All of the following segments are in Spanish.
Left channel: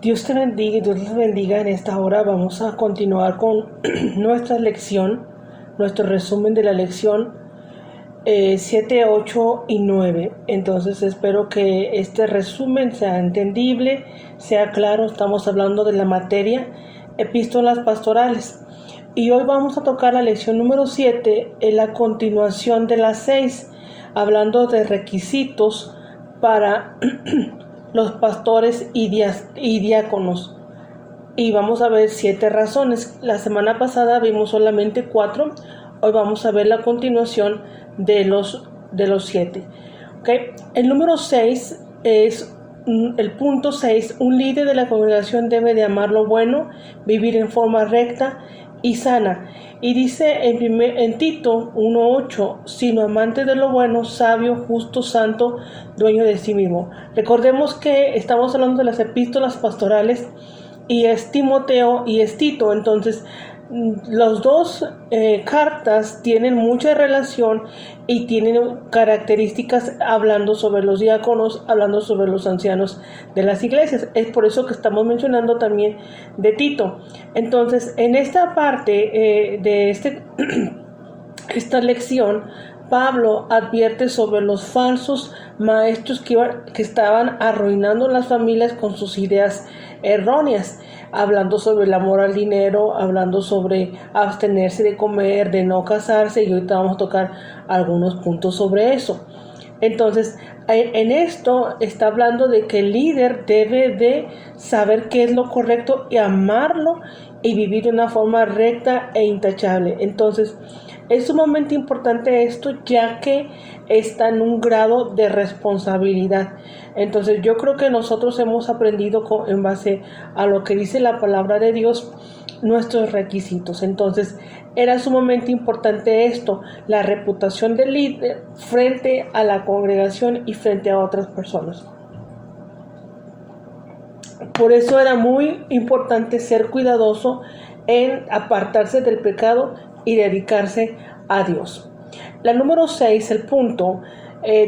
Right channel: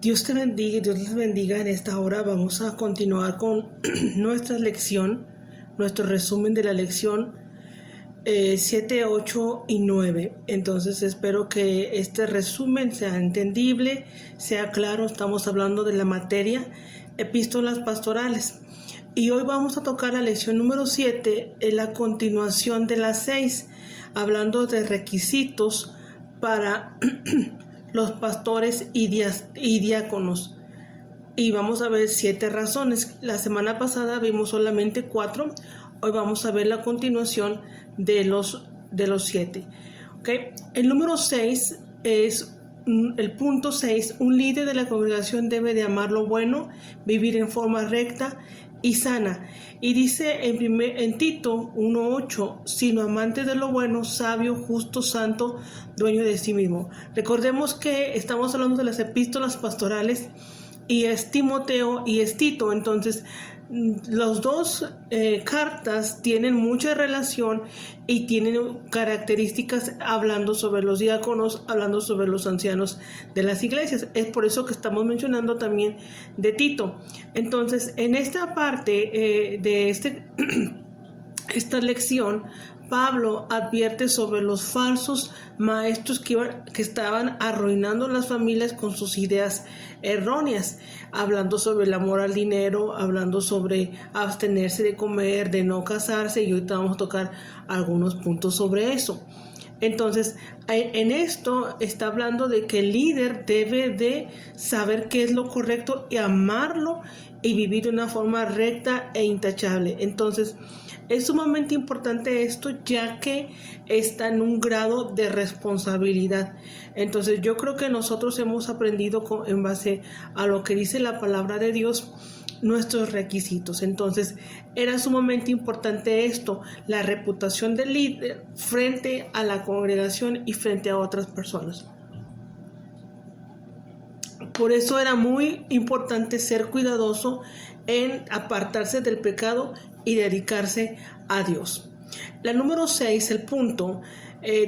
Dios te bendiga y Dios les bendiga. En esta hora vamos a continuar con nuestra lección, nuestro resumen de la lección 7, 8 y 9. Entonces espero que este resumen sea entendible, sea claro. Estamos hablando de la materia epístolas pastorales. Y hoy vamos a tocar la lección número 7, en la continuación de las 6, hablando de requisitos para los pastores y diáconos. Y vamos a ver 7 razones. La semana pasada vimos solamente 4. Hoy vamos a ver la continuación de los 7. ¿Okay? El número 6 es el punto 6. Un líder de la congregación debe de amar lo bueno, vivir en forma recta y sana. Y dice en Tito 1:8, sino amante de lo bueno, sabio, justo, santo, dueño de sí mismo. Recordemos que estamos hablando de las epístolas pastorales y es Timoteo y es Tito. Entonces las dos cartas tienen mucha relación y tienen características hablando sobre los diáconos, hablando sobre los ancianos de las iglesias. Es por eso que estamos mencionando también de Tito. Entonces, en esta parte de esta lección, Pablo advierte sobre los falsos maestros que estaban arruinando las familias con sus ideas erróneas, hablando sobre el amor al dinero, hablando sobre abstenerse de comer, de no casarse, y ahorita vamos a tocar algunos puntos sobre eso. Entonces, en esto está hablando de que el líder debe de saber qué es lo correcto y amarlo y vivir de una forma recta e intachable. Entonces, es sumamente importante esto, ya que está en un grado de responsabilidad. Entonces yo creo que nosotros hemos aprendido en base a lo que dice la palabra de Dios nuestros requisitos. Entonces era sumamente importante esto, la reputación del líder frente a la congregación y frente a otras personas. Por eso era muy importante ser cuidadoso en apartarse del pecado y dedicarse a Dios. La número 6, el punto,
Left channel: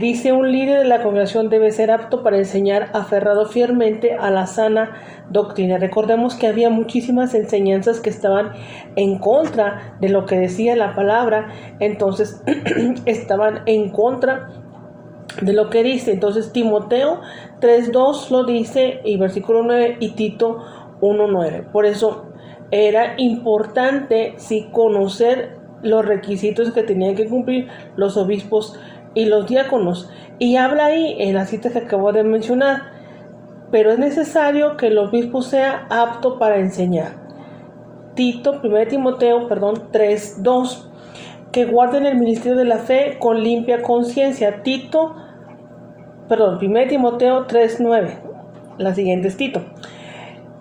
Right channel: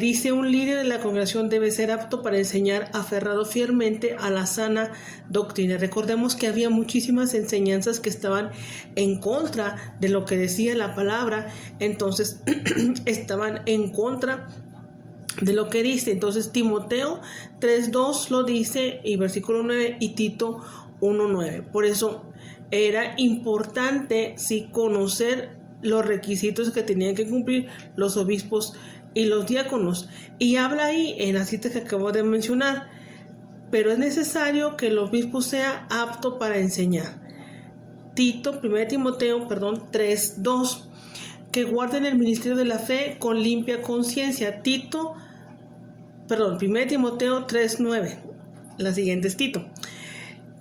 dice: un líder de la congregación debe ser apto para enseñar, aferrado fielmente a la sana doctrina. Recordemos que había muchísimas enseñanzas que estaban en contra de lo que decía la palabra, entonces estaban en contra de lo que dice. Entonces Timoteo 3:2 lo dice, y versículo 9, y Tito 1:9. Por eso era importante conocer los requisitos que tenían que cumplir los obispos y los diáconos. Y habla ahí en la cita que acabo de mencionar: pero es necesario que el obispo sea apto para enseñar. 1 Timoteo 3:2, que guarden el ministerio de la fe con limpia conciencia. 1 Timoteo 3:9, la siguiente es Tito:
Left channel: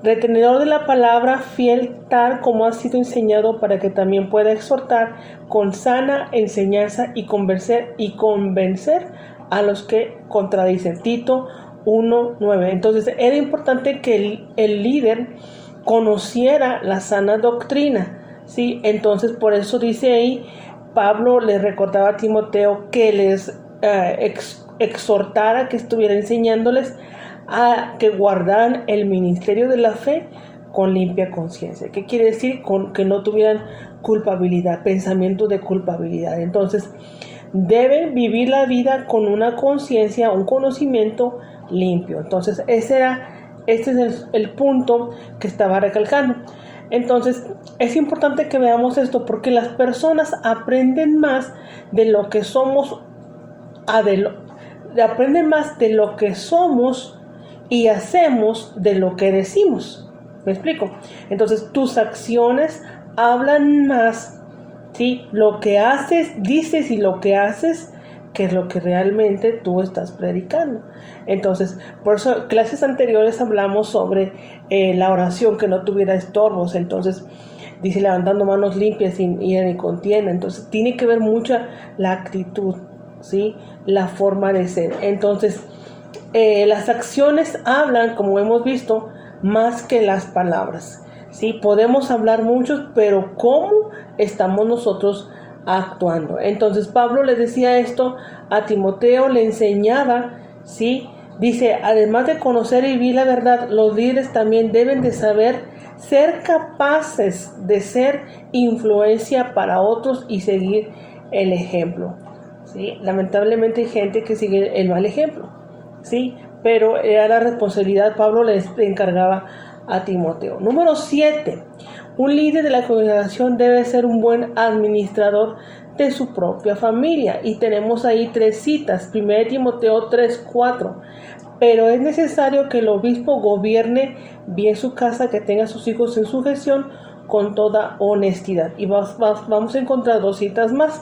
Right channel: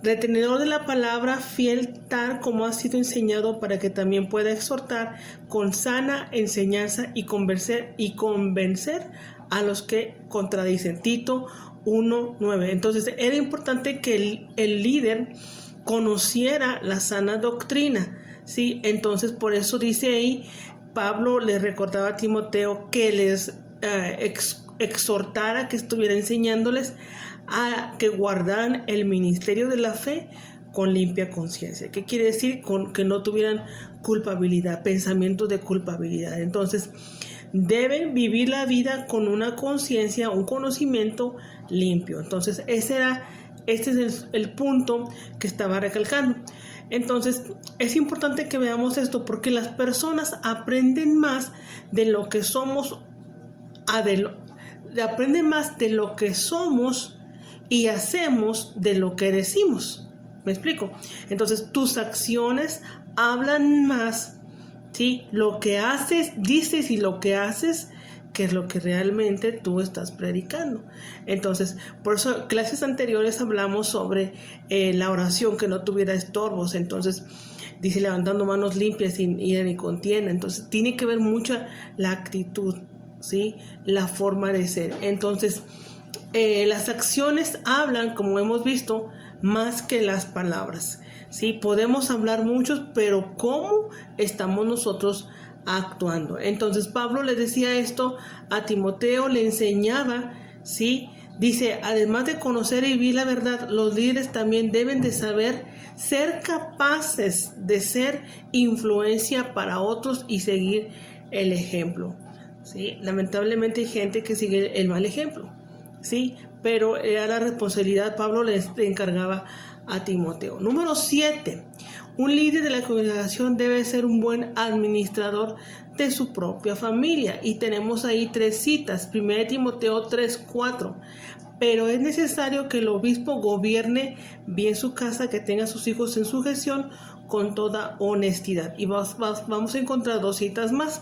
retenedor de la palabra, fiel tal como ha sido enseñado, para que también pueda exhortar con sana enseñanza y convencer a los que contradicen. Tito 1:9. Entonces era importante que el líder conociera la sana doctrina, ¿sí? Entonces por eso dice ahí, Pablo le recordaba a Timoteo que les exhortara, que estuviera enseñándoles a que guardaran el ministerio de la fe con limpia conciencia. ¿Qué quiere decir? Con que no tuvieran culpabilidad, pensamientos de culpabilidad. Entonces deben vivir la vida con una conciencia, un conocimiento limpio. Entonces este es el punto que estaba recalcando. Entonces es importante que veamos esto, porque las personas aprenden más de lo que somos, aprenden más de lo que somos y hacemos de lo que decimos. ¿Me explico? Entonces tus acciones hablan más, ¿sí? Lo que haces, dices, y lo que haces, que es lo que realmente tú estás predicando. Entonces, por eso clases anteriores hablamos sobre la oración, que no tuviera estorbos. Entonces dice: levantando manos limpias, sin ira ni contienda. Entonces tiene que ver mucho la actitud, ¿sí? La forma de ser. Entonces las acciones hablan, como hemos visto, más que las palabras, ¿sí? Podemos hablar muchos, pero ¿cómo estamos nosotros actuando? Entonces Pablo le decía esto a Timoteo, le enseñaba, ¿sí?, Dice, además de conocer y vivir la verdad, los líderes también deben de saber ser capaces de ser influencia para otros y seguir el ejemplo. ¿Sí? Lamentablemente hay gente que sigue el mal ejemplo, ¿sí? Pero era la responsabilidad, Pablo le encargaba a Timoteo. Número 7. Un líder de la congregación debe ser un buen administrador de su propia familia. Y tenemos ahí 3 citas. 1 Timoteo 3:4. Pero es necesario que el obispo gobierne bien su casa, que tenga a sus hijos en sujeción con toda honestidad. Y vamos a encontrar 2 citas más.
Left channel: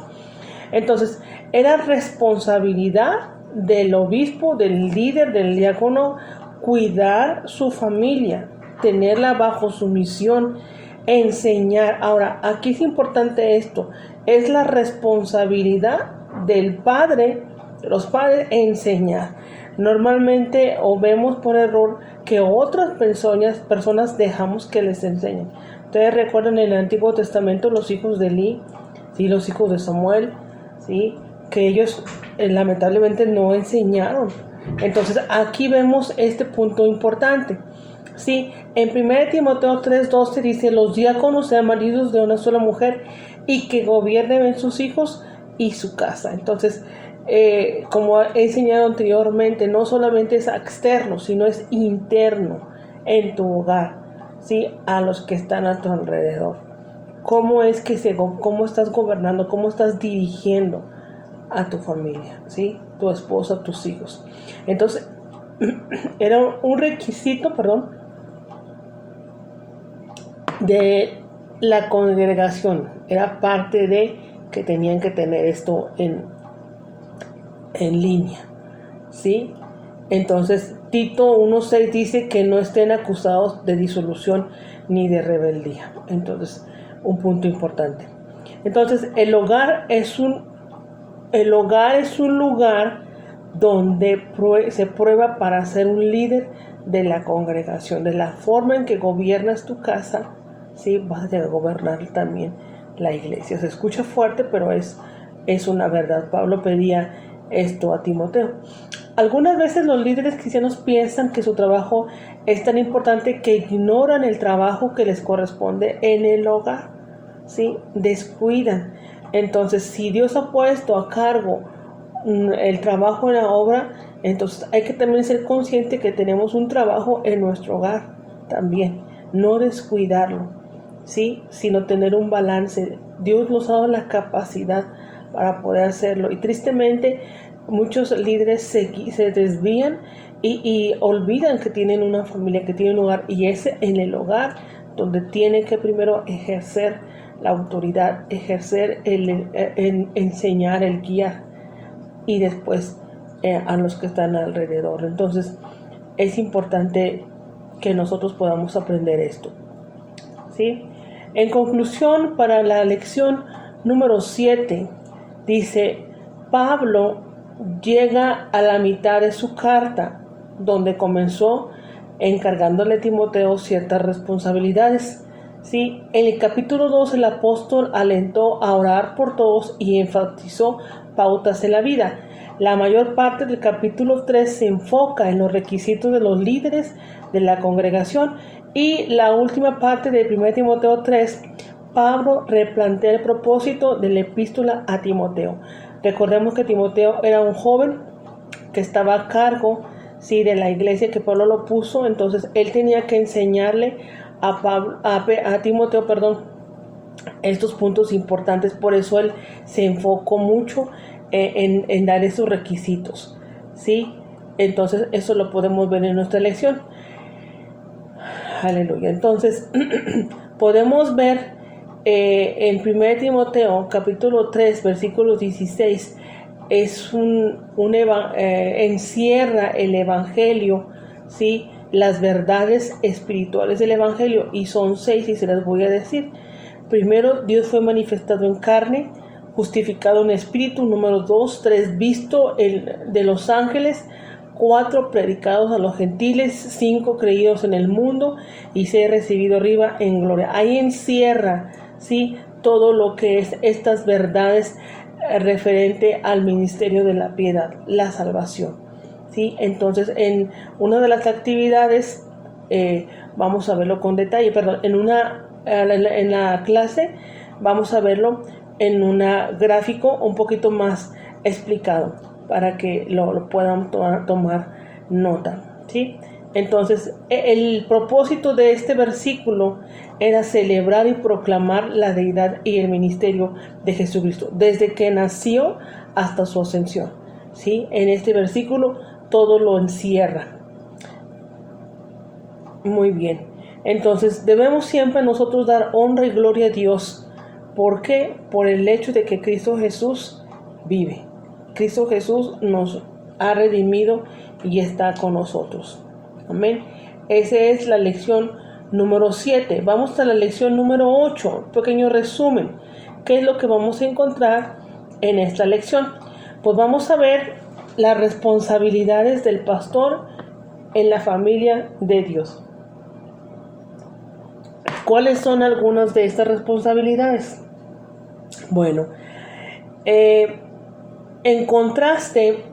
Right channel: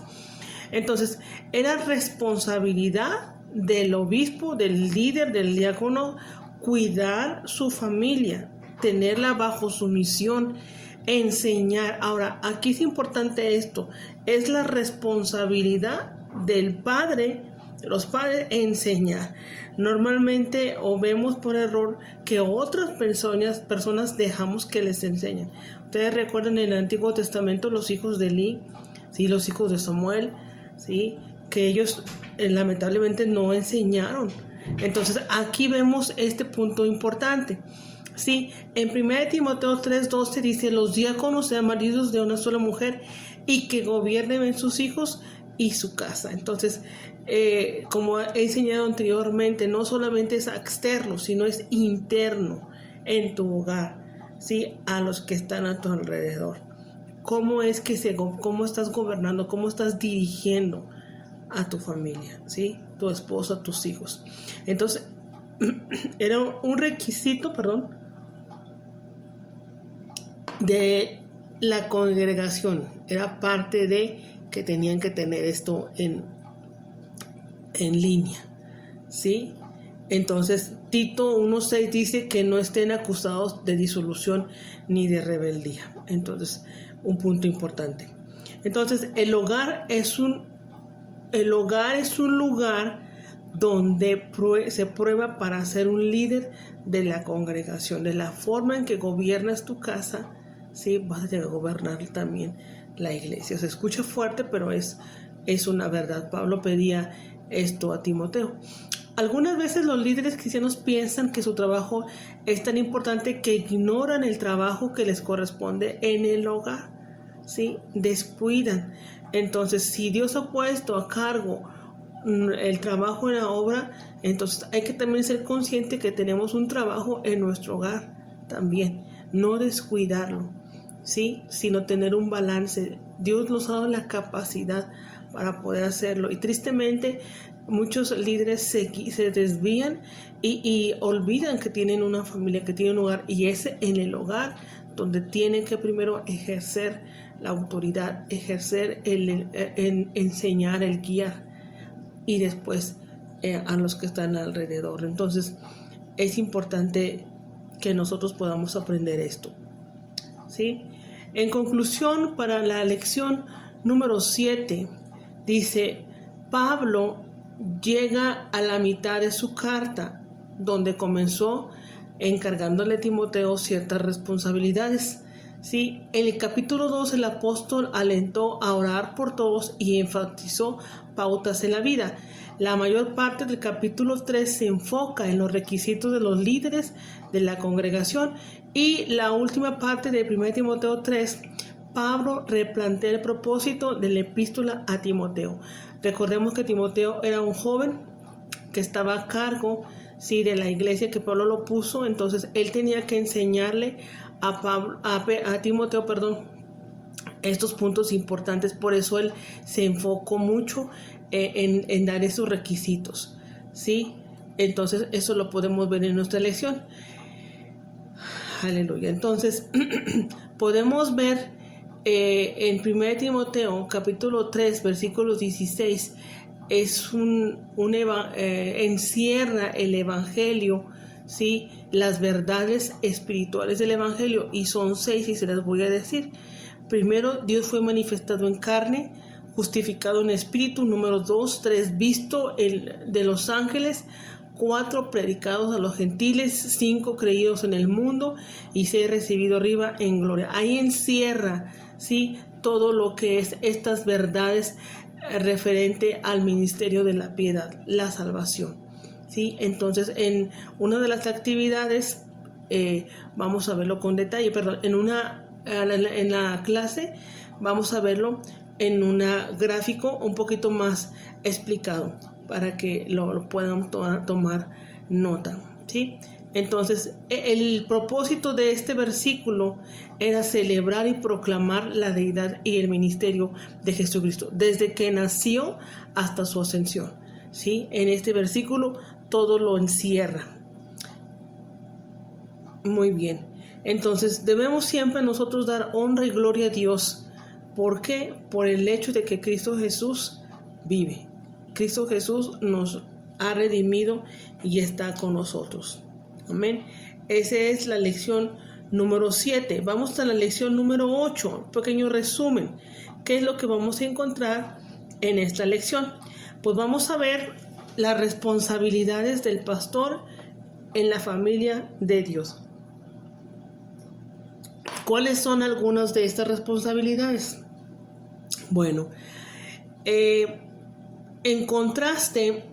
Entonces, era responsabilidad del obispo, del líder, del diácono, cuidar su familia, tenerla bajo su misión, enseñar. Ahora, aquí es importante esto, es la responsabilidad del padre, de los padres, enseñar. Normalmente o vemos por error que otras personas dejamos que les enseñen. Ustedes recuerdan en el Antiguo Testamento los hijos de Elí, ¿sí? Los hijos de Samuel, ¿sí? Que ellos lamentablemente no enseñaron. Entonces aquí vemos este punto importante. Sí, en 1 Timoteo 3:12 dice, los diáconos sean maridos de una sola mujer y que gobiernen en sus hijos y su casa. Entonces, como he enseñado anteriormente, no solamente es externo, sino es interno en tu hogar, ¿sí? A los que están a tu alrededor. ¿Cómo estás gobernando? ¿Cómo estás dirigiendo a tu familia? ¿Sí? Tu esposa, tus hijos. Entonces, era un requisito, de la congregación. Era parte de que tenían que tener esto en línea, ¿sí? Entonces, Tito 1:6 dice que no estén acusados de disolución ni de rebeldía. Entonces, un punto importante. Entonces, el hogar es un lugar donde se prueba para ser un líder de la congregación. De la forma en que gobiernas tu casa, ¿sí? Vas a llegar a gobernar también la iglesia. Se escucha fuerte, pero es una verdad. Pablo pedía esto a Timoteo. Algunas veces los líderes cristianos piensan que su trabajo es tan importante que ignoran el trabajo que les corresponde en el hogar, ¿sí? Descuidan. Entonces, si Dios ha puesto a cargo el trabajo en la obra, entonces hay que también ser consciente que tenemos un trabajo en nuestro hogar también. No descuidarlo, ¿sí? Sino tener un balance. Dios nos ha dado la capacidad para poder hacerlo. Y tristemente, muchos líderes se desvían y olvidan que tienen una familia, que tienen un hogar. Y es en el hogar donde tienen que primero ejercer la autoridad, ejercer enseñar, el guiar. Y después a los que están alrededor. Entonces, es importante que nosotros podamos aprender esto, ¿sí? En conclusión, para la lección número 7, dice, Pablo llega a la mitad de su carta, donde comenzó encargándole a Timoteo ciertas responsabilidades. ¿Sí? En el capítulo 2 el apóstol alentó a orar por todos y enfatizó pautas en la vida. La mayor parte del capítulo 3 se enfoca en los requisitos de los líderes de la congregación, y la última parte de 1 Timoteo 3, Pablo replantea el propósito de la epístola a Timoteo. Recordemos que Timoteo era un joven que estaba a cargo, ¿sí? De la iglesia que Pablo lo puso. Entonces él tenía que enseñarle a Timoteo, estos puntos importantes. Por eso él se enfocó mucho en dar esos requisitos, ¿sí? Entonces eso lo podemos ver en nuestra lección. Aleluya. Entonces podemos ver en 1 Timoteo capítulo 3 versículo 16 encierra el evangelio, ¿sí? Las verdades espirituales del evangelio, y son 6 y se las voy a decir. Primero, Dios fue manifestado en carne, justificado en espíritu. Número 2, 3, visto de los ángeles. 4, predicados a los gentiles. 5, creídos en el mundo. Y 6, recibido arriba en gloria. Ahí encierra, ¿sí? Todo lo que es estas verdades referente al ministerio de la piedad, la salvación. ¿sí? Entonces, en una de las actividades, vamos a verlo con detalle, perdón, en la clase vamos a verlo en un gráfico un poquito más explicado para que lo puedan tomar nota, ¿sí? Entonces, el propósito de este versículo era celebrar y proclamar la deidad y el ministerio de Jesucristo, desde que nació hasta su ascensión, ¿sí? En este versículo todo lo encierra. Muy bien. Entonces, debemos siempre nosotros dar honra y gloria a Dios. ¿Por qué? Por el hecho de que Cristo Jesús vive. Cristo Jesús nos ha redimido y está con nosotros. Amén. Esa es la lección número 7. Vamos a la lección número 8. Un pequeño resumen. ¿Qué es lo que vamos a encontrar en esta lección? Pues vamos a ver las responsabilidades del pastor en la familia de Dios. ¿Cuáles son algunas de estas responsabilidades? Bueno, en contraste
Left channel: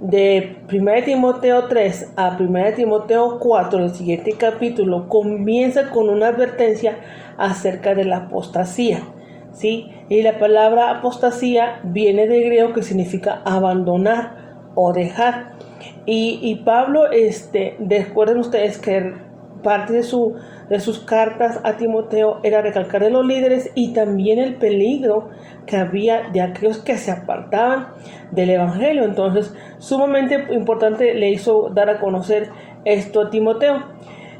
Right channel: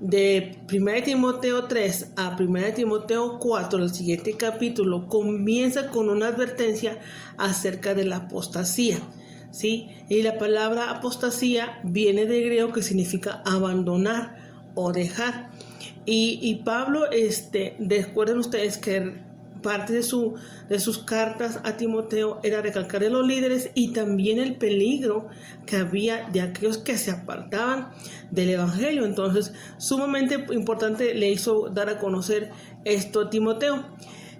de 1 Timoteo 3 a 1 Timoteo 4, el siguiente capítulo comienza con una advertencia acerca de la apostasía, ¿sí? Y la palabra apostasía viene del griego que significa abandonar o dejar. Y Pablo, recuerden ustedes que parte de sus cartas a Timoteo era recalcar de los líderes y también el peligro que había de aquellos que se apartaban del evangelio. Entonces, sumamente importante le hizo dar a conocer esto a Timoteo.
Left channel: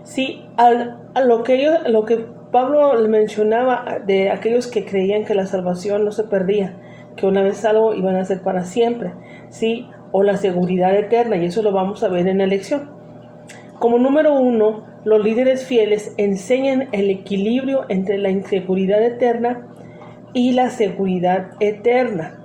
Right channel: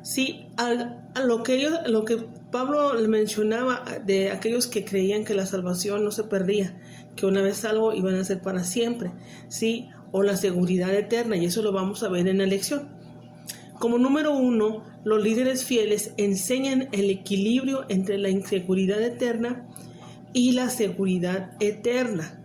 Sí, a lo que Pablo le mencionaba de aquellos que creían que la salvación no se perdía, que una vez salvo iban a ser para siempre, sí, o la seguridad eterna, y eso lo vamos a ver en la lección. Como número 1, los líderes fieles enseñan el equilibrio entre la inseguridad eterna y la seguridad eterna,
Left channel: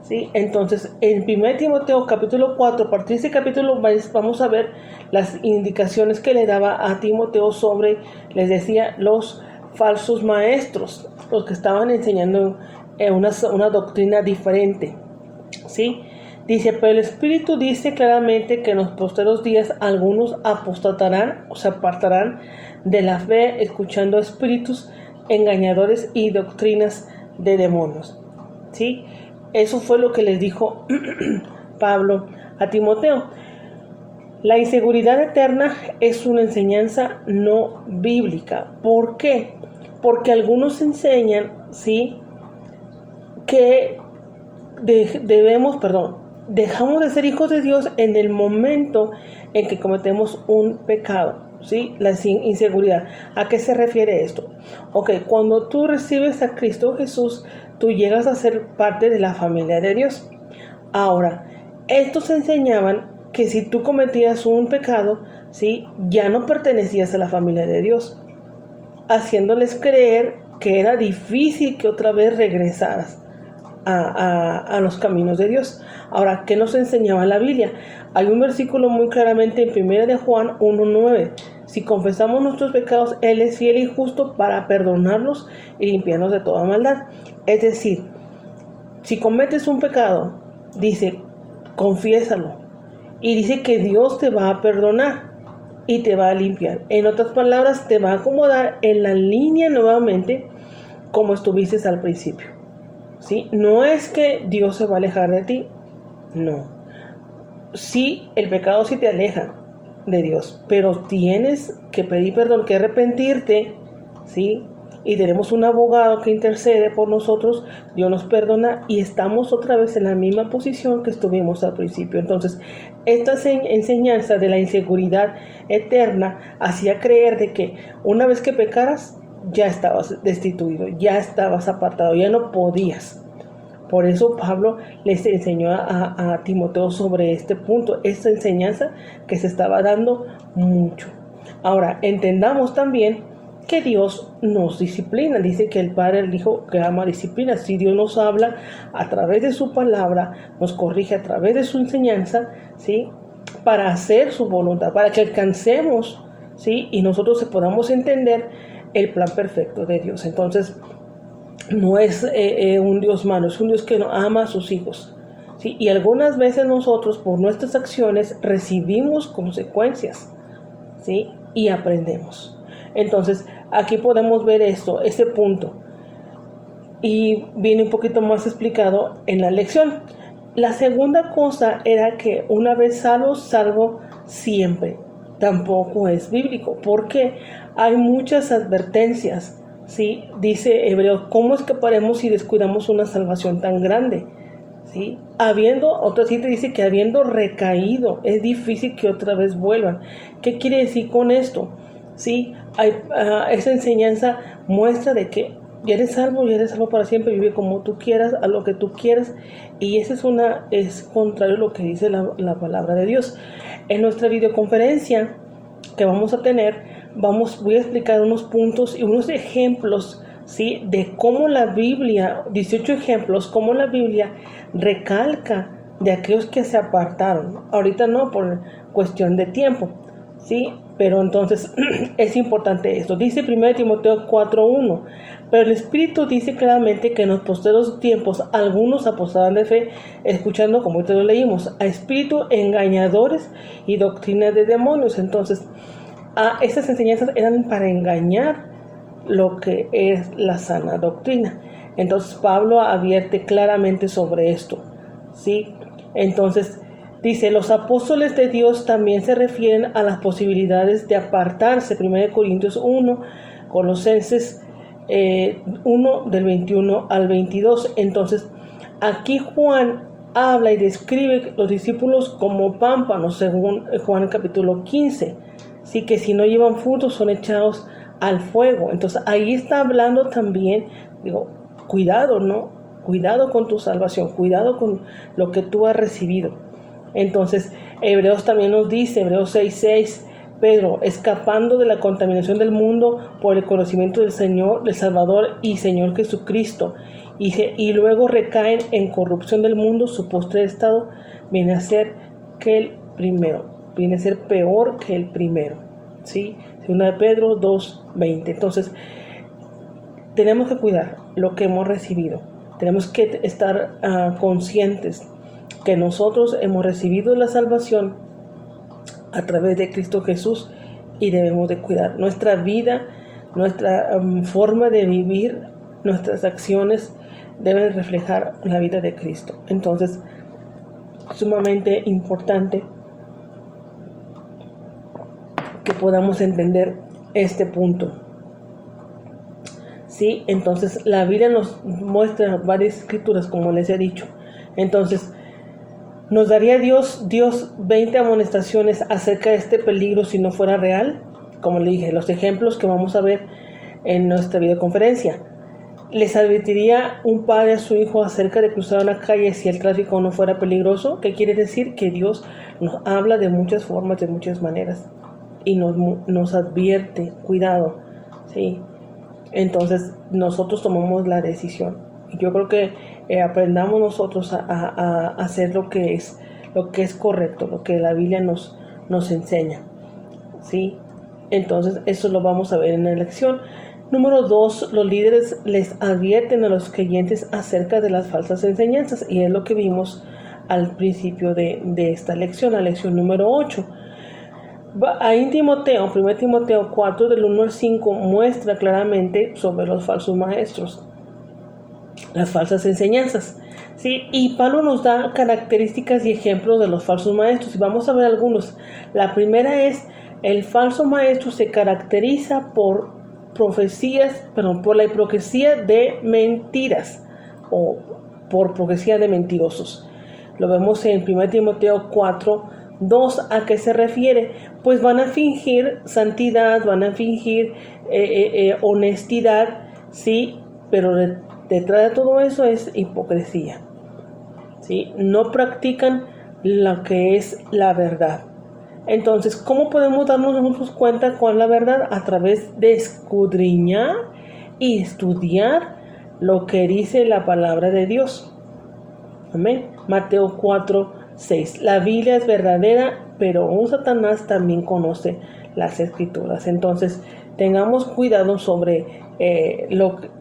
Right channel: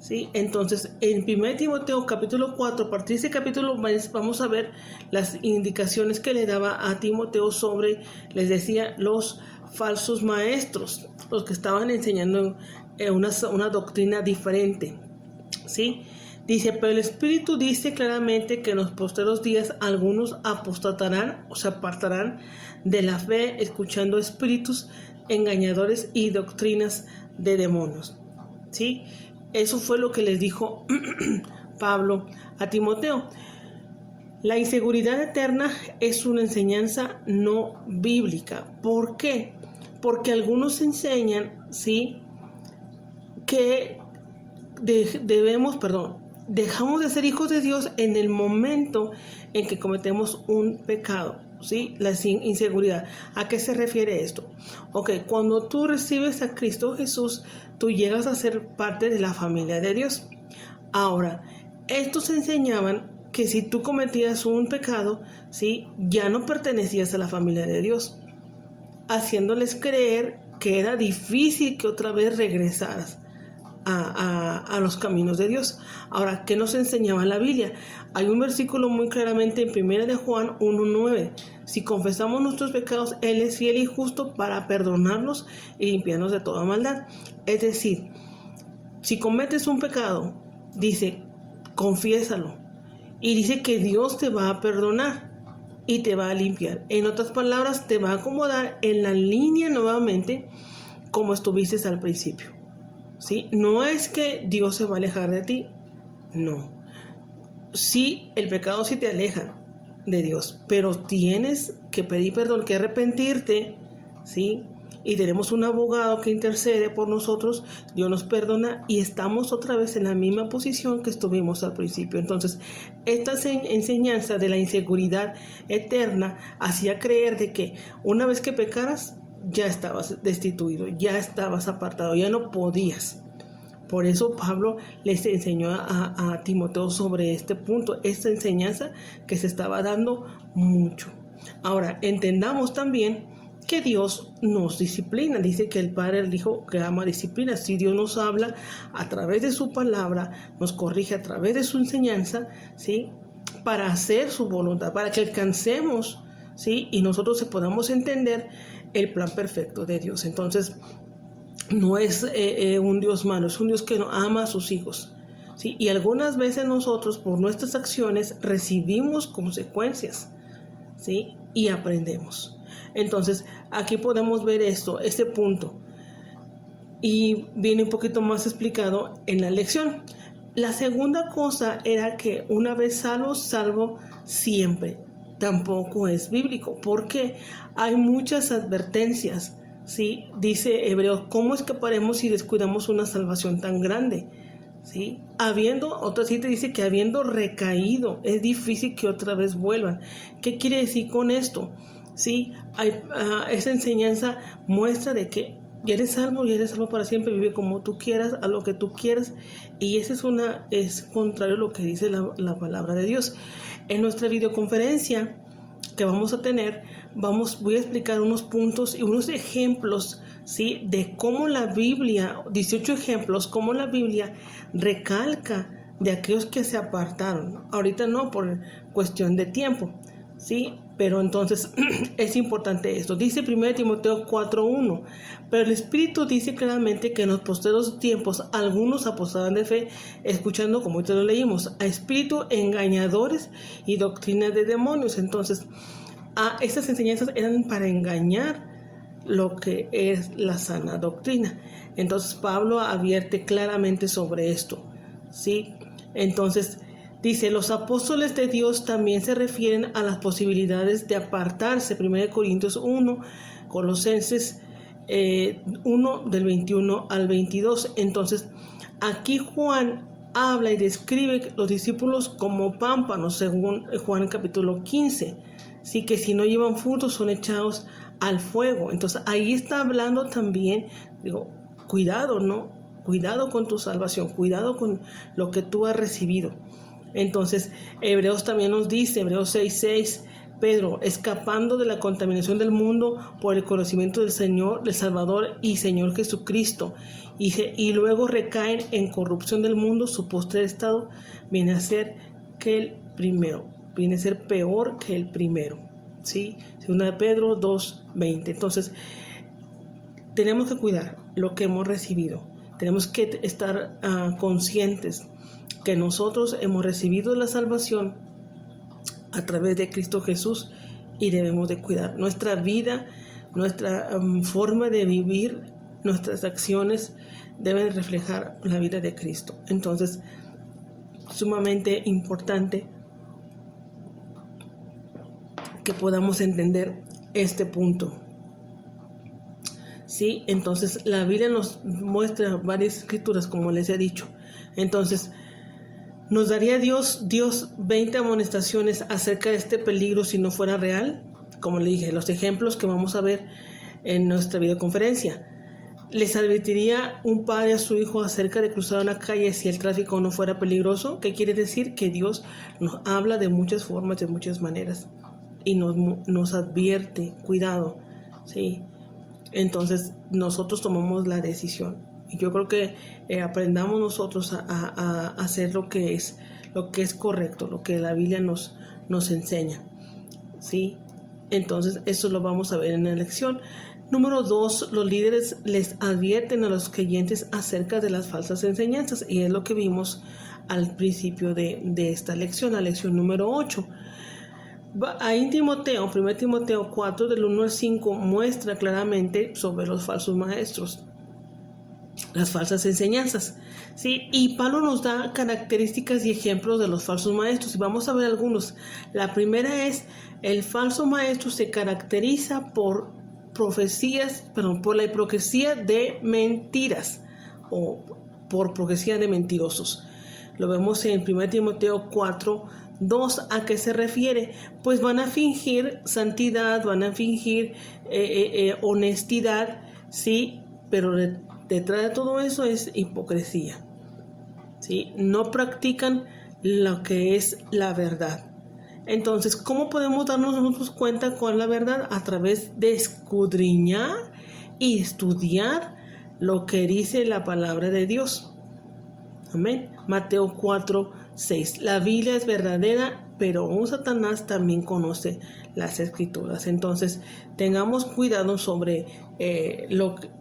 ¿sí? Entonces, en 1 Timoteo capítulo 4, a partir de ese capítulo vamos a ver las indicaciones que le daba a Timoteo sobre, les decía, los falsos maestros, los que estaban enseñando una doctrina diferente, ¿sí? Dice, pero el Espíritu dice claramente que en los posteros días algunos apostatarán o se apartarán de la fe, escuchando espíritus engañadores y doctrinas de demonios, ¿sí? Eso fue lo que les dijo Pablo a Timoteo. La inseguridad eterna es una enseñanza no bíblica. ¿Por qué? Porque algunos enseñan, ¿sí?, que dejamos de ser hijos de Dios en el momento en que cometemos un pecado, ¿sí? La inseguridad. ¿A qué se refiere esto? Ok, cuando tú recibes a Cristo Jesús, tú llegas a ser parte de la familia de Dios. Ahora, estos enseñaban que si tú cometías un pecado, ¿sí?, ya no pertenecías a la familia de Dios, haciéndoles creer que era difícil que otra vez regresaras a los caminos de Dios. Ahora, ¿qué nos enseñaba la Biblia? Hay un versículo muy claramente en 1 de Juan 1:9. Si confesamos nuestros pecados, Él es fiel y justo para perdonarlos y limpiarnos de toda maldad. Es decir, si cometes un pecado, dice, confiésalo. Y dice que Dios te va a perdonar y te va a limpiar. En otras palabras, te va a acomodar en la línea nuevamente como estuviste al principio, ¿sí? No es que Dios se va a alejar de ti, no. Sí, el pecado sí te aleja de Dios, pero tienes que pedir perdón, que arrepentirte, ¿sí? Y tenemos un abogado que intercede por nosotros, Dios nos perdona y estamos otra vez en la misma posición que estuvimos al principio. Entonces, esta enseñanza de la inseguridad eterna hacía creer de que una vez que pecaras, ya estabas destituido, ya estabas apartado, ya no podías. Por eso Pablo les enseñó a Timoteo sobre este punto, esta enseñanza que se estaba dando mucho. Ahora, entendamos también que Dios nos disciplina. Dice que el Padre, el Hijo, que ama disciplina. Si Dios nos habla a través de su palabra, nos corrige a través de su enseñanza, ¿sí?, para hacer su voluntad, para que alcancemos, ¿sí?, y nosotros podamos entender el plan perfecto de Dios. Entonces, no es un Dios malo, es un Dios que ama a sus hijos, ¿sí? Y algunas veces nosotros por nuestras acciones recibimos consecuencias, ¿sí? Y aprendemos. Entonces aquí podemos ver este punto. Y viene un poquito más explicado en la lección. La segunda cosa era que una vez salvo, salvo siempre. Tampoco es bíblico, porque hay muchas advertencias, ¿sí? Dice Hebreos, ¿cómo escaparemos si descuidamos una salvación tan grande? ¿Sí? Otra cita dice que habiendo recaído, es difícil que otra vez vuelvan. ¿Qué quiere decir con esto? ¿Sí? Esa enseñanza muestra de que ya eres salvo para siempre, vive como tú quieras, a lo que tú quieras, y eso es contrario a lo que dice la palabra de Dios. En nuestra videoconferencia que vamos a tener, voy a explicar unos puntos y unos ejemplos, ¿sí? De cómo la Biblia, 18 ejemplos, cómo la Biblia recalca de aquellos que se apartaron. Ahorita no, por cuestión de tiempo, ¿sí? Pero entonces es importante esto. Dice 1 Timoteo 4:1, pero el Espíritu dice claramente que en los postreros tiempos algunos apostarán de fe, escuchando, como ahorita lo leímos, a espíritus engañadores y doctrinas de demonios. Entonces, estas enseñanzas eran para engañar lo que es la sana doctrina. Entonces Pablo advierte claramente sobre esto, ¿sí? Entonces dice, los apóstoles de Dios también se refieren a las posibilidades de apartarse. 1 Corintios 1, Colosenses 1 del 21 al 22. Entonces aquí Juan habla y describe los discípulos como pámpanos, según Juan capítulo 15. Sí, que si no llevan frutos son echados al fuego. Entonces ahí está hablando también, digo, cuidado, ¿no? Cuidado con tu salvación, cuidado con lo que tú has recibido. Entonces Hebreos también nos dice, Hebreos 6:6, Pedro, escapando de la contaminación del mundo por el conocimiento del Señor, del Salvador y Señor Jesucristo, y luego recaen en corrupción del mundo, su postrer estado viene a ser que el primero, viene a ser peor que el primero, ¿sí? 2 de Pedro 2:20. Entonces tenemos que cuidar lo que hemos recibido, tenemos que estar conscientes que nosotros hemos recibido la salvación a través de Cristo Jesús y debemos de cuidar nuestra vida, nuestra forma de vivir, nuestras acciones deben reflejar la vida de Cristo. Entonces, sumamente importante que podamos entender este punto. Sí, entonces la Biblia nos muestra varias escrituras, como les he dicho. Entonces, ¿nos daría Dios 20 amonestaciones acerca de este peligro si no fuera real? Como le dije, los ejemplos que vamos a ver en nuestra videoconferencia. ¿Les advertiría un padre a su hijo acerca de cruzar una calle si el tráfico no fuera peligroso? ¿Qué quiere decir? Que Dios nos habla de muchas formas, de muchas maneras, y nos advierte, cuidado, ¿sí? Entonces nosotros tomamos la decisión. Yo creo que aprendamos nosotros a hacer lo que es correcto, lo que la Biblia nos enseña, ¿sí? Entonces eso lo vamos a ver en la lección. Número 2, los líderes les advierten a los creyentes acerca de las falsas enseñanzas, y es lo que vimos al principio de esta lección, la lección número 8. Ahí en Timoteo, 1 Timoteo 4 del 1 al 5 muestra claramente sobre los falsos maestros, las falsas enseñanzas, ¿sí? Y Pablo nos da características y ejemplos de los falsos maestros, y vamos a ver algunos. La primera es, el falso maestro se caracteriza por la hipocresía de mentiras, o por profecía de mentirosos. Lo vemos en 1 Timoteo 4:2. ¿A qué se refiere? Pues van a fingir santidad, van a fingir honestidad, ¿sí? Pero detrás de todo eso es hipocresía, ¿sí? No practican lo que es la verdad. Entonces, ¿cómo podemos darnos nosotros cuenta con la verdad? A través de escudriñar y estudiar lo que dice la palabra de Dios. Amén. Mateo 4:6. La Biblia es verdadera, pero un Satanás también conoce las escrituras. Entonces, tengamos cuidado sobre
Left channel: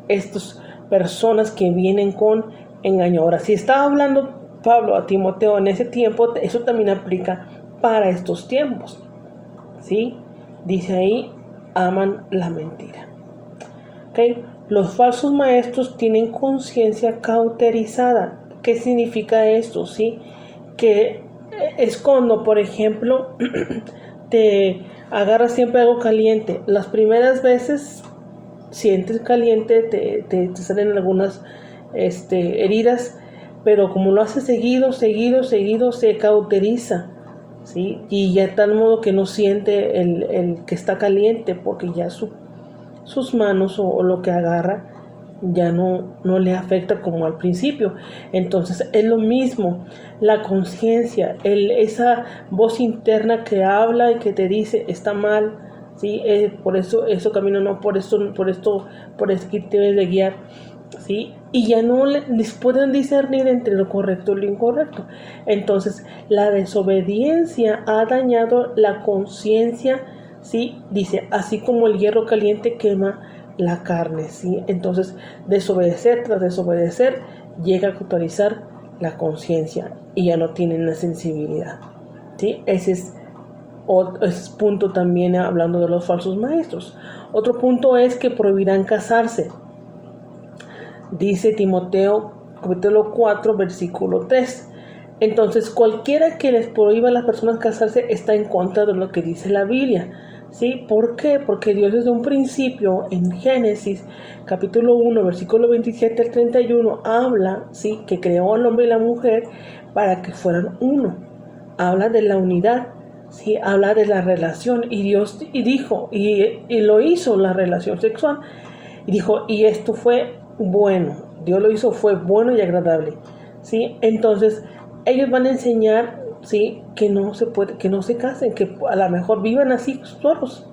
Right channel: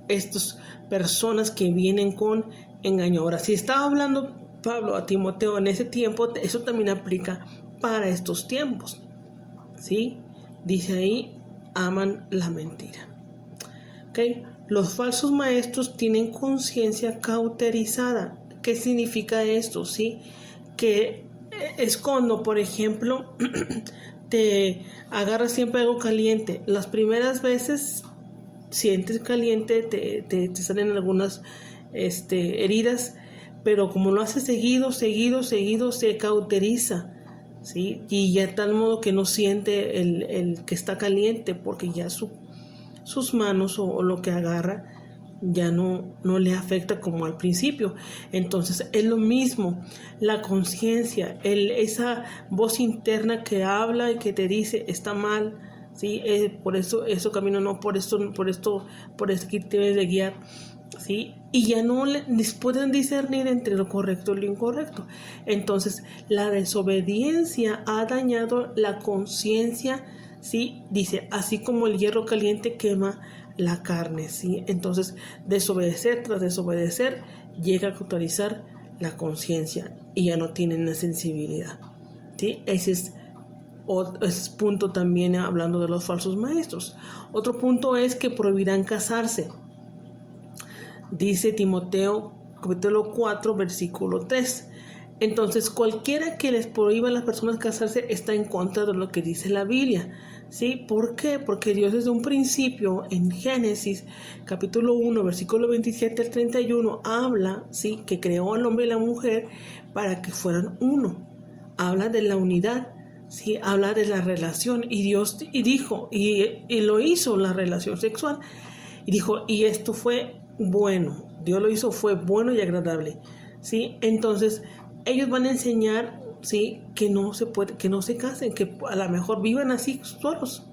estas personas que vienen con engaño. Ahora, si está hablando Pablo a Timoteo en ese tiempo, eso también aplica para estos tiempos, ¿sí? Dice ahí, aman la mentira. ¿Okay? Los falsos maestros tienen conciencia cauterizada. ¿Qué significa esto? ¿Sí? Que es cuando, por ejemplo, te agarras siempre algo caliente. Las primeras veces sientes caliente, te salen algunas heridas, pero como lo hace seguido, se cauteriza, ¿sí? Y ya de tal modo que no siente el que está caliente, porque ya sus manos o lo que agarra ya no le afecta como al principio. Entonces es lo mismo, la conciencia, esa voz interna que habla y que te dice está mal, ¿sí? Por eso camino, no, por esto que debes de guiar, ¿sí? Y ya no pueden discernir entre lo correcto y lo incorrecto. Entonces la desobediencia ha dañado la conciencia, ¿sí? Dice, así como el hierro caliente quema la carne, ¿sí? Entonces desobedecer tras desobedecer llega a cauterizar la conciencia y ya no tienen la sensibilidad, ¿sí? Ese es punto también hablando de los falsos maestros. Otro punto es que prohibirán casarse. Dice Timoteo capítulo 4 versículo 3. Entonces cualquiera que les prohíba a las personas casarse está en contra de lo que dice la Biblia, ¿sí? ¿Por qué? Porque Dios desde un principio en Génesis capítulo 1 versículo 27 al 31 habla, ¿sí? Que creó al hombre y la mujer para que fueran uno. Habla de la unidad, ¿sí? Habla de la relación y Dios dijo y lo hizo la relación sexual y dijo y esto fue bueno. Dios lo hizo, fue bueno y agradable, ¿sí? Entonces ellos van a enseñar, ¿sí? Que no se casen, que a lo mejor vivan así solos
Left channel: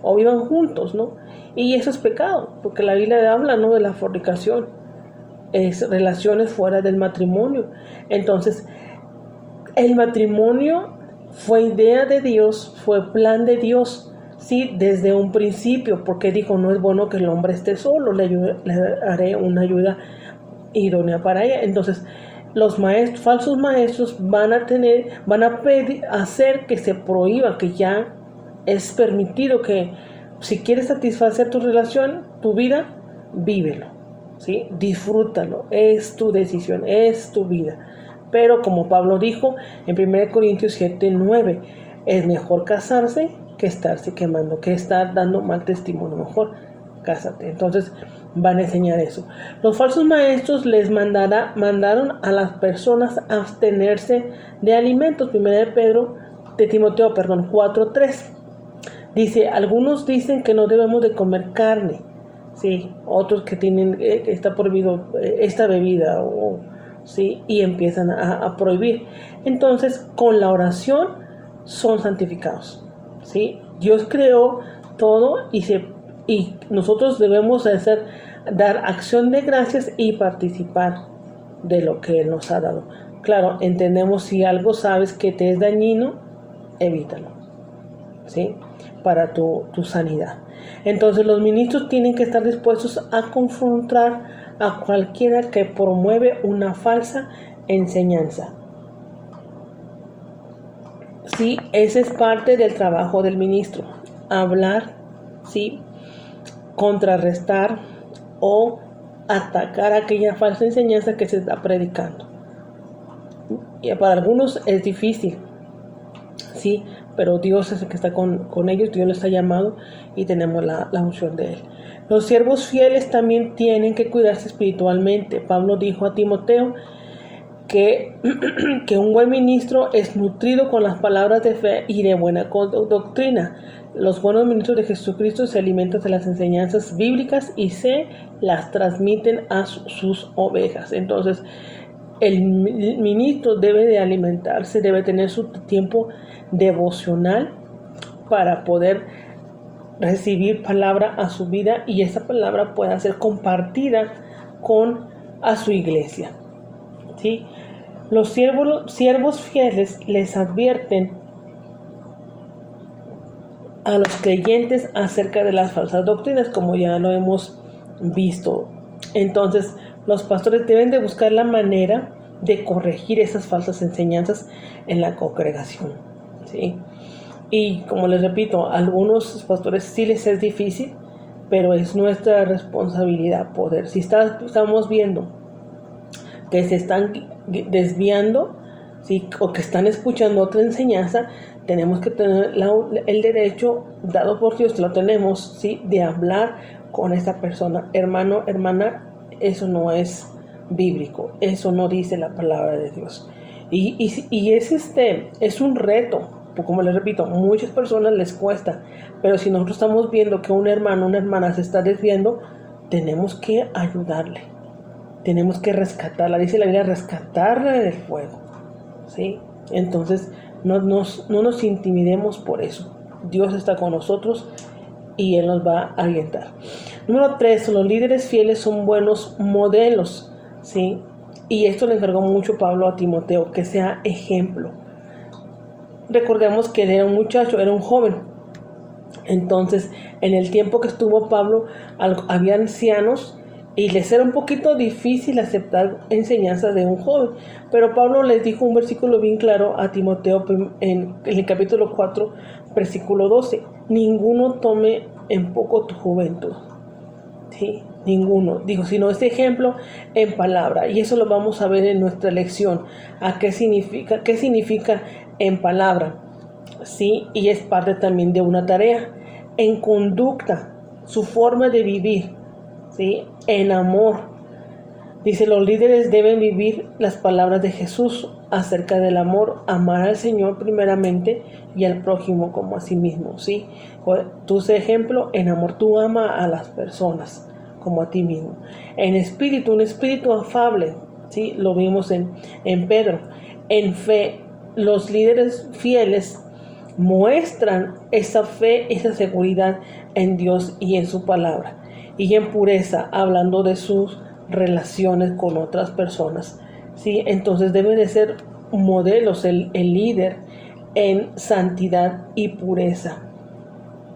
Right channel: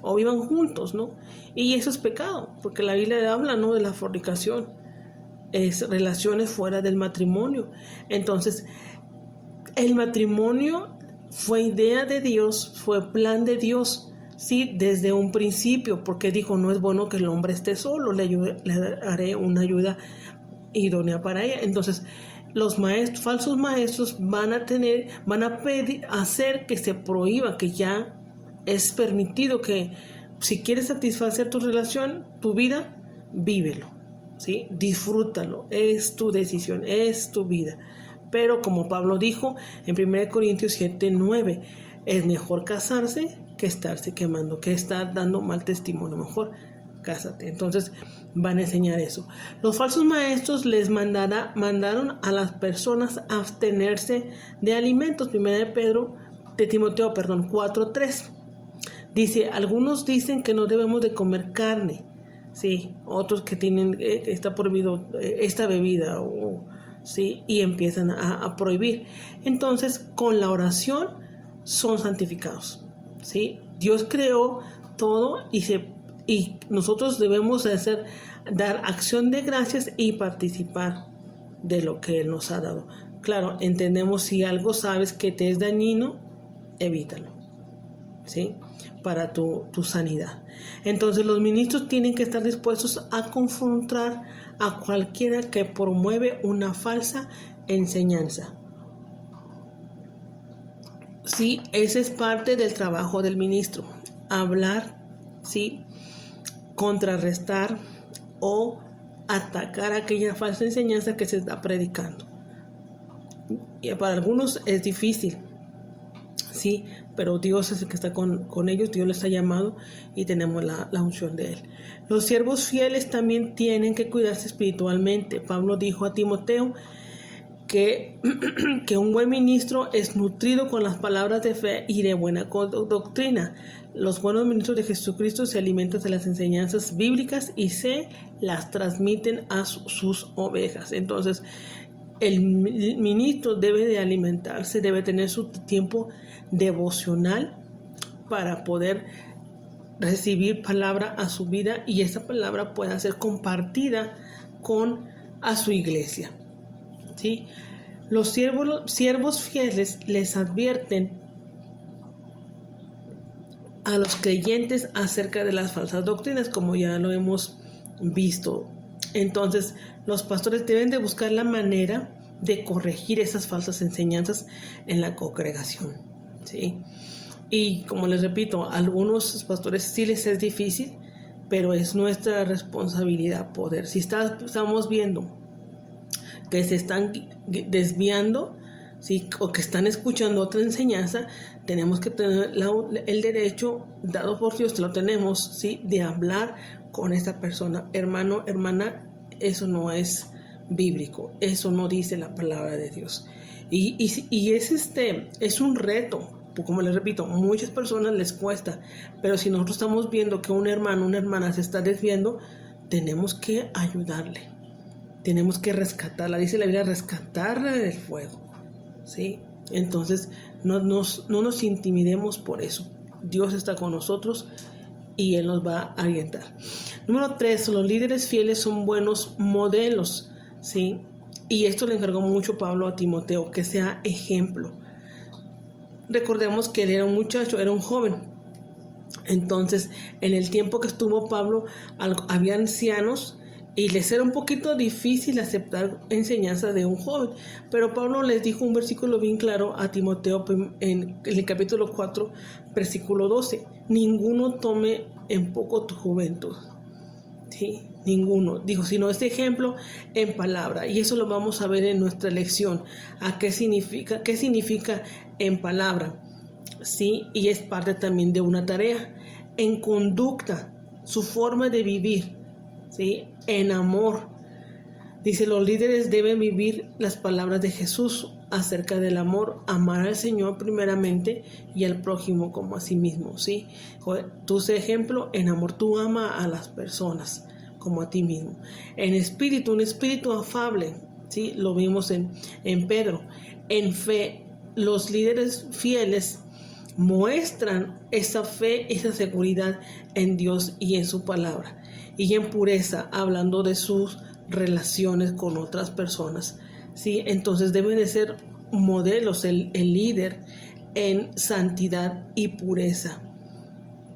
o vivan juntos, ¿no? Y eso es pecado, porque la Biblia habla, ¿no? De la fornicación, es relaciones fuera del matrimonio. Entonces el matrimonio fue idea de Dios, fue plan de Dios, sí, desde un principio, porque dijo, no es bueno que el hombre esté solo, le haré una ayuda idónea para ella. Entonces los falsos maestros van a hacer que se prohíba, que ya es permitido que si quieres satisfacer tu relación, tu vida, vívelo, ¿sí? Disfrútalo, es tu decisión, es tu vida. Pero como Pablo dijo en 1 Corintios 7:9, es mejor casarse que estarse quemando, que estar dando mal testimonio. Mejor cásate. Entonces van a enseñar eso. Los falsos maestros les mandaron a las personas a abstenerse de alimentos. Timoteo 4:3. Dice, algunos dicen que no debemos de comer carne, ¿sí? Otros que tienen, está prohibido esta bebida, ¿sí? Y empiezan a prohibir. Entonces, con la oración son santificados, ¿sí? Dios creó todo y nosotros debemos dar acción de gracias y participar de lo que Él nos ha dado. Claro, entendemos si algo sabes que te es dañino, evítalo, ¿sí? Para tu sanidad. Entonces los ministros tienen que estar dispuestos a confrontar a cualquiera que promueve una falsa enseñanza. Sí, ese es parte del trabajo del ministro. Hablar, ¿sí? Contrarrestar o atacar aquella falsa enseñanza que se está predicando. Y para algunos es difícil, ¿sí? Pero Dios es el que está con ellos, Dios les ha llamado y tenemos la unción de Él. Los siervos fieles también tienen que cuidarse espiritualmente. Pablo dijo a Timoteo que un buen ministro es nutrido con las palabras de fe y de buena doctrina. Los buenos ministros de Jesucristo se alimentan de las enseñanzas bíblicas y se las transmiten a sus ovejas. Entonces, el ministro debe de alimentarse, debe tener su tiempo devocional para poder recibir palabra a su vida y esa palabra pueda ser compartida a su iglesia, ¿sí? Los siervos fieles les advierten a los creyentes acerca de las falsas doctrinas, como ya lo hemos visto. Entonces, los pastores deben de buscar la manera de corregir esas falsas enseñanzas en la congregación, ¿sí? Y como les repito, a algunos pastores sí les es difícil, pero es nuestra responsabilidad poder. Si estamos viendo que se están desviando, ¿sí? O que están escuchando otra enseñanza, tenemos que tener el derecho dado por Dios, lo tenemos, ¿sí? De hablar con esa persona. Hermano, hermana, eso no es bíblico, eso no dice la palabra de Dios. Y es un reto, como les repito, muchas personas les cuesta, pero si nosotros estamos viendo que un hermano, una hermana se está desviando, tenemos que ayudarle, tenemos que rescatarla, dice la Biblia, rescatarla del fuego, ¿sí? Entonces no nos intimidemos por eso. Dios está con nosotros y Él nos va a orientar. Número 3, los líderes fieles son buenos modelos, ¿sí? Y esto le encargó mucho Pablo a Timoteo, que sea ejemplo. Recordemos que él era un muchacho, era un joven. Entonces, en el tiempo que estuvo Pablo, había ancianos y les era un poquito difícil aceptar enseñanzas de un joven. Pero Pablo les dijo un versículo bien claro a Timoteo en el capítulo 4, versículo 12. Ninguno tome en poco tu juventud. ¿Sí? Ninguno. Dijo, sino este ejemplo en palabra. Y eso lo vamos a ver en nuestra lección. ¿Qué significa en palabra? ¿Sí? Y es parte también de una tarea. En conducta, su forma de vivir, ¿sí? En amor. Dice, los líderes deben vivir las palabras de Jesús acerca del amor, amar al Señor primeramente y al prójimo como a sí mismo, ¿sí? Tú sé ejemplo en amor, tú ama a las personas como a ti mismo. En espíritu, un espíritu afable, ¿sí? Lo vimos en Pedro. En fe, los líderes fieles muestran esa fe, esa seguridad en Dios y en su palabra. Y en pureza, hablando de sus relaciones con otras personas, ¿sí? Entonces deben de ser modelos el líder en santidad y pureza,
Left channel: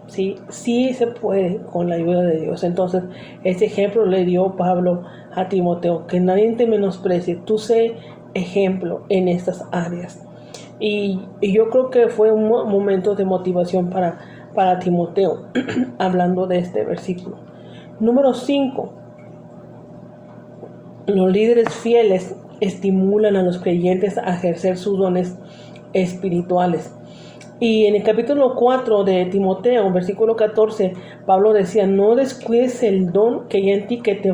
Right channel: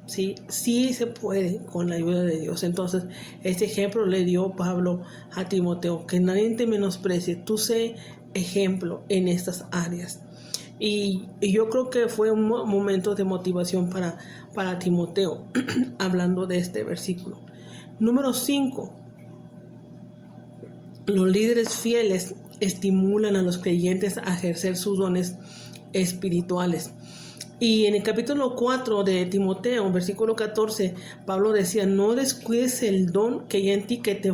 ¿sí? Sí se puede con la ayuda de Dios. Entonces este ejemplo le dio Pablo a Timoteo, que nadie te menosprecie, tú sé ejemplo en estas áreas. Y yo creo que fue un momento de motivación para Timoteo, hablando de este versículo. Número 5. Los líderes fieles estimulan a los creyentes a ejercer sus dones espirituales. Y en el capítulo 4 de Timoteo, versículo 14, Pablo decía, no descuides el don que hay en ti, que te